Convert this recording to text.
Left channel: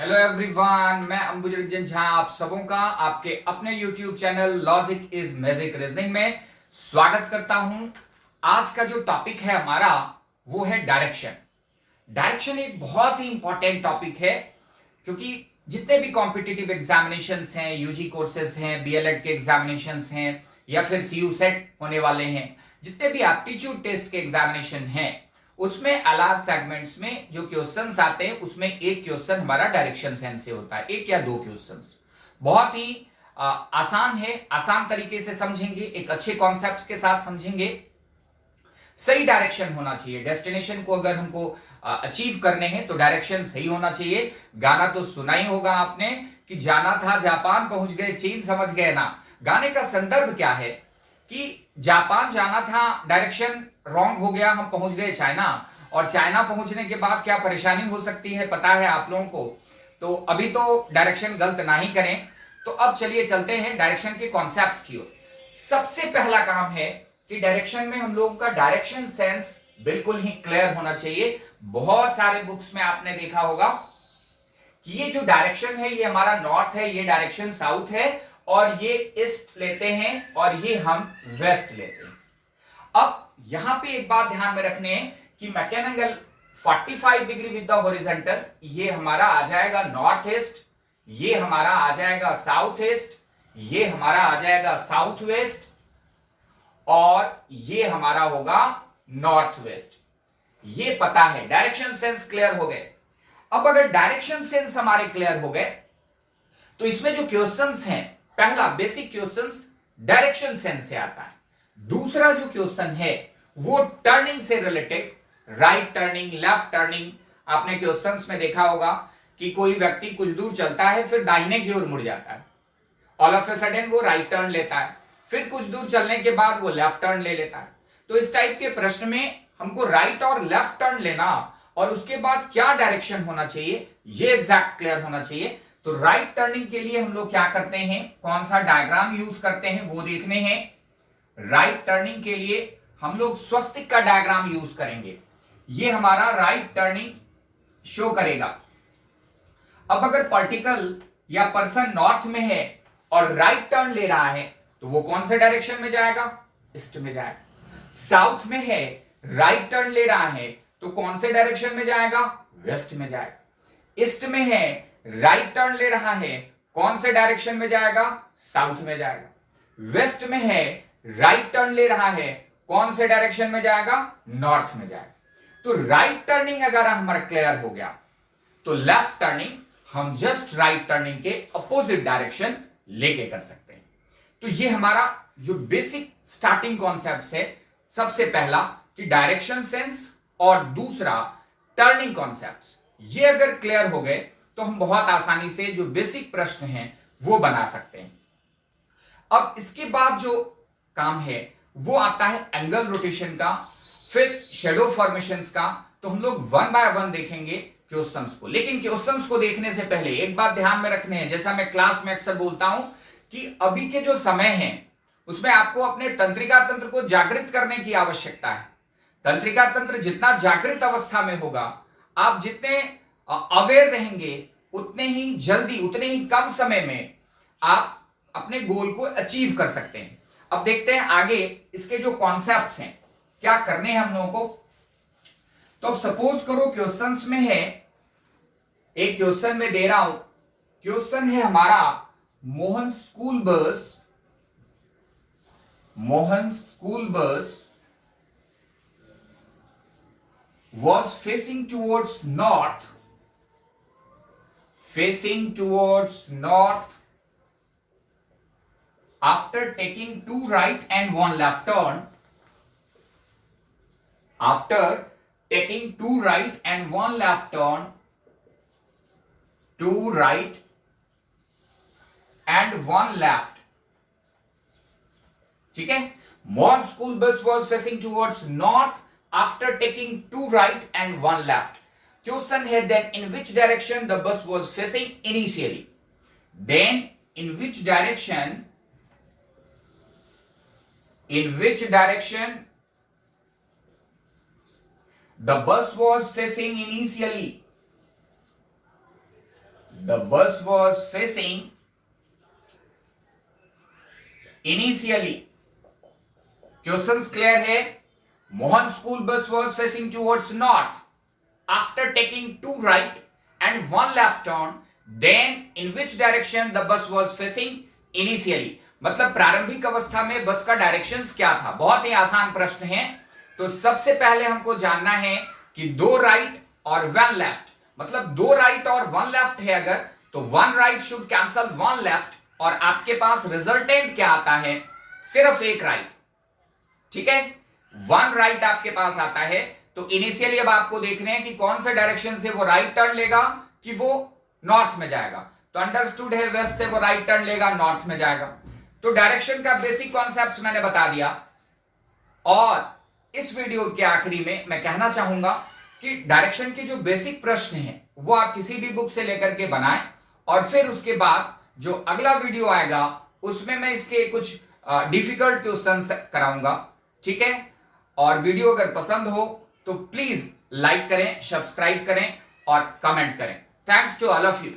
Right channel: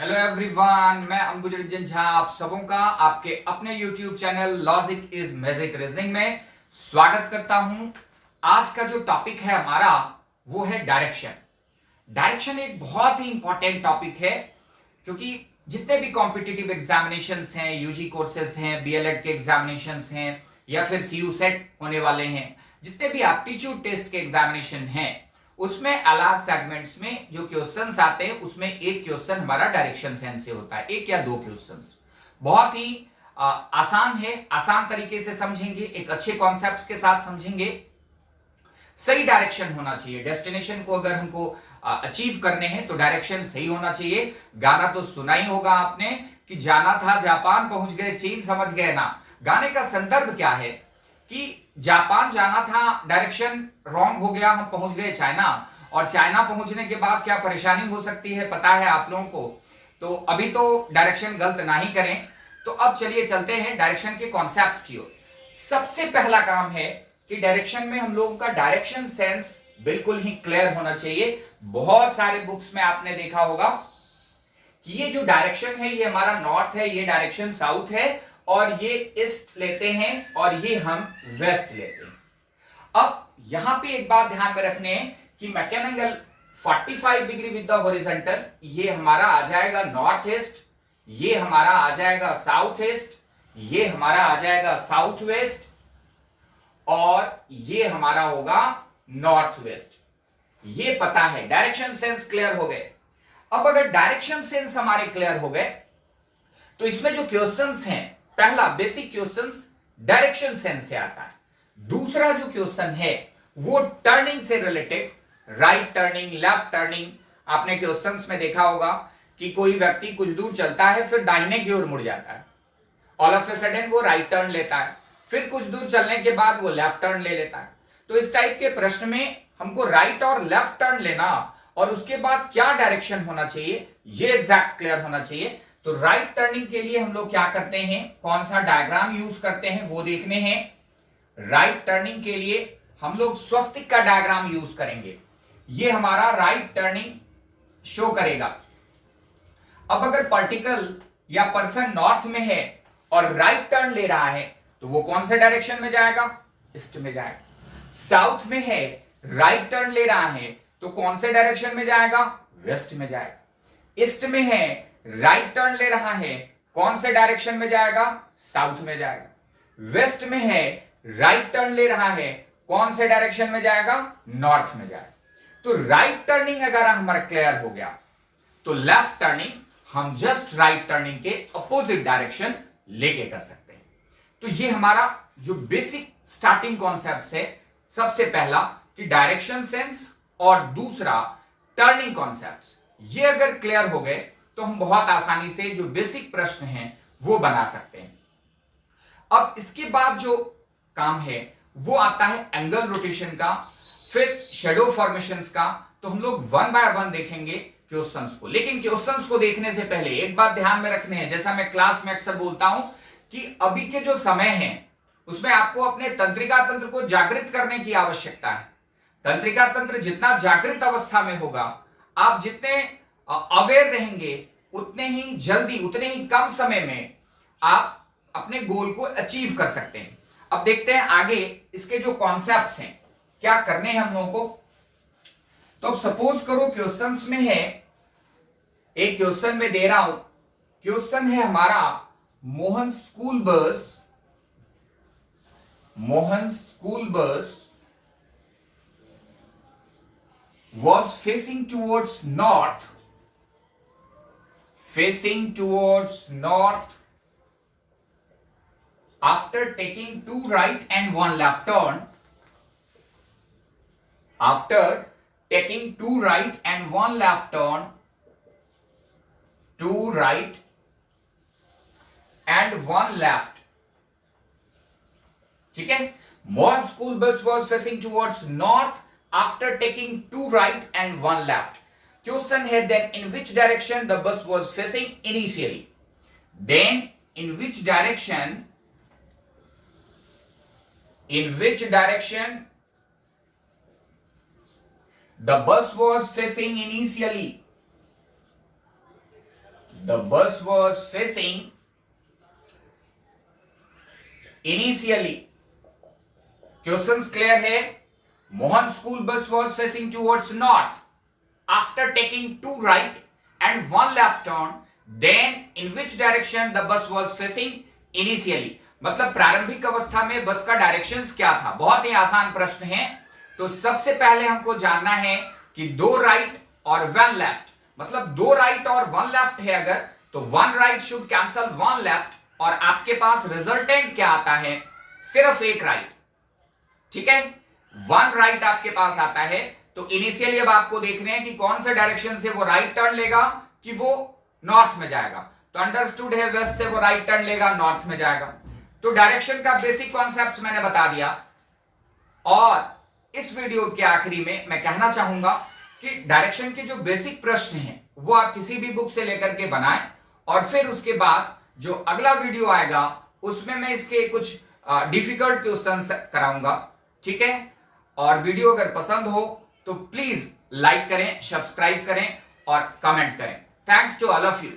Hello everyone, मैं अंबुजरंजन झा आप सबों का आपके अपने YouTube channel logic is magic reasoning में स्वागत करता हूं। आज का जो टॉपिक है हमारा वो है डायरेक्शन। डायरेक्शन एक बहुत ही इंपॉर्टेंट टॉपिक है क्योंकि जितने भी कॉम्पिटिटिव एग्जामिनेशंस हैं, यूजी कोर्सेज हैं, बीएलएड के एग्जामिनेशंस हैं या फिर सीयू सेट होने वाले हैं, जितने भी एप्टीट्यूड टेस्ट के एग्जामिनेशन हैं उसमें अलग सेगमेंट्स में जो क्वेश्चंस आते हैं उसमें एक क्वेश्चन हमारा डायरेक्शन सेंस से होता है, एक या दो क्वेश्चंस। बहुत ही आसान है, आसान तरीके से समझेंगे, एक अच्छे कॉन्सेप्ट्स के साथ समझेंगे। सही डायरेक्शन होना चाहिए। डेस्टिनेशन को अगर हमको अचीव करने हैं तो डायरेक्शन सही होना चाहिए। गाना तो सुना ही होगा आपने कि जाना था जापान पहुंच गए चीन समझ गए ना। गाने का संदर्भ क्या है कि जापान जाना था, डायरेक्शन रॉन्ग हो गया, हम पहुंच गए चाइना, और चाइना पहुंचने के बाद क्या परेशानी हो सकती है पता है आप लोगों को। तो अभी तो डायरेक्शन गलत ना ही करें। तो अब चलिए चलते हैं डायरेक्शन के कॉन्सेप्ट्स की ओर। सबसे पहला काम है कि डायरेक्शन में हम लोगों का डायरेक्शन सेंस बिल्कुल ही क्लियर होना चाहिए। बहुत सारे बुक्स में आपने देखा होगा कि ये जो डायरेक्शन है ये हमारा नॉर्थ है, ये डायरेक्शन साउथ है, और ये ईस्ट लेते हैं और ये हम वेस्ट लेते हैं। अब यहां पे एक बात ध्यान में रखने हैं कि make an angle 45 degree with the horizontal, ये हमारा आ जाएगा नॉर्थ ईस्ट, ये हमारा आ जाएगा साउथ ईस्ट, ये हमारा आ जाएगा साउथ वेस्ट, और ये हमारा होगा नॉर्थ वेस्ट। ये पता है, डायरेक्शन सेंस क्लियर हो गए। अब अगर डायरेक्शन सेंस हमारे क्लियर हो गए तो इसमें जो क्वेश्चंस हैं, पहला बेसिक क्वेश्चंस डायरेक्शन सेंस से आता है। दूसरा जो क्वेश्चन है वो टर्निंग से related, right turning, left turning. आपने क्वेश्चंस में देखा होगा कि कोई व्यक्ति कुछ दूर चलता है फिर दाहिने की ओर मुड़ जाता है, ऑल ऑफ ए सडन वो राइट टर्न लेता है, फिर कुछ दूर चलने के बाद वो लेफ्ट टर्न ले लेता है। तो इस टाइप के प्रश्न में हमको राइट और लेफ्ट टर्न लेना और उसके बाद क्या डायरेक्शन होना चाहिए ये एग्जैक्ट क्लियर होना चाहिए। तो राइट टर्निंग के लिए हम लोग क्या करते हैं, कौन सा डायग्राम यूज करते हैं वो देखने हैं। राइट टर्निंग के लिए हम लोग स्वस्तिक का डायग्राम यूज करेंगे, ये हमारा राइट टर्निंग शो करेगा। अब अगर पार्टिकल या पर्सन नॉर्थ में है और राइट टर्न ले रहा है तो वो कौन से डायरेक्शन में जाएगा, ईस्ट में जाएगा। साउथ में है, राइट टर्न ले रहा है तो कौन से डायरेक्शन में जाएगा, वेस्ट में जाएगा। ईस्ट में है, राइट टर्न ले रहा है, कौन से डायरेक्शन में जाएगा, साउथ में जाएगा। वेस्ट में है, राइट टर्न ले रहा है, कौन से डायरेक्शन में जाएगा, नॉर्थ में जाएगा। तो राइट टर्निंग अगर हमारा क्लियर हो गया तो लेफ्ट टर्निंग हम जस्ट राइट टर्निंग के अपोजिट डायरेक्शन लेके कर सकते हैं। तो ये हमारा जो बेसिक स्टार्टिंग कॉन्सेप्ट है, सबसे पहला कि डायरेक्शन सेंस और दूसरा टर्निंग कॉन्सेप्ट्स, ये अगर क्लियर हो गए तो हम बहुत आसानी से जो बेसिक प्रश्न हैं वो बना सकते हैं। अब इसके बाद जो काम है वो आता है एंगल रोटेशन का, फिर शेडो फॉर्मेशंस का। तो हम लोग वन बाय वन देखेंगे क्वेश्चंस को। लेकिन क्वेश्चंस को देखने से पहले एक बात ध्यान में रखने हैं, जैसा मैं क्लास में अक्सर बोलता हूं कि अभी के जो समय है उसमें आपको अपने तंत्रिका तंत्र को जागृत करने की आवश्यकता है। तंत्रिका तंत्र जितना जागृत अवस्था में होगा, आप जितने अवेयर रहेंगे, उतने ही जल्दी, उतने ही कम समय में आप अपने गोल को अचीव कर सकते हैं। अब देखते हैं आगे इसके जो कॉन्सेप्ट्स हैं क्या करने हैं हम लोगों को। तो अब सपोज करो क्वेश्चंस में है, एक क्वेश्चन में दे रहा हूं, क्वेश्चन है हमारा Mohan school bus was facing towards north after taking 2 right and 1 left turn. After taking 2 right and 1 left turn, 2 right and 1 left. ठीक है, Mohan school bus was facing towards north after taking 2 right and 1 left. Question है then in which direction the bus was facing initially? Then in which direction the bus was facing initially? the bus was facing initially. Questions clear है? Mohan school bus was facing towards north. After taking 2 right and 1 left turn, then in which direction the bus was facing initially? मतलब प्रारंभिक अवस्था में बस का directions क्या था? बहुत ही आसान प्रश्न है। तो सबसे पहले हमको जानना है कि 2 राइट और 1 लेफ्ट, मतलब 2 राइट और 1 लेफ्ट है अगर, तो 1 राइट शुड कैंसल 1 लेफ्ट और आपके पास रिजल्टेंट क्या आता है? सिर्फ 1 राइट। ठीक है, 1 राइट आपके पास आता है। तो इनिशियली अब आपको देखना है कि कौन सा डायरेक्शन से वो राइट टर्न लेगा कि वो नॉर्थ में जाएगा। तो अंडरस्टूड है, वेस्ट से वो राइट टर्न लेगा, नॉर्थ में जाएगा। तो डायरेक्शन का बेसिक कॉन्सेप्ट मैंने बता दिया। और इस वीडियो के आखिरी में मैं कहना चाहूंगा कि डायरेक्शन के जो बेसिक प्रश्न हैं वो आप किसी भी बुक से लेकर के बनाएं, और फिर उसके बाद जो अगला वीडियो आएगा उसमें मैं इसके कुछ डिफिकल्ट क्वेश्चंस कराऊंगा। ठीक है, और वीडियो अगर पसंद हो तो प्लीज लाइक करें, सब्सक्राइब करें और कमेंट करें। Thanks to all of you.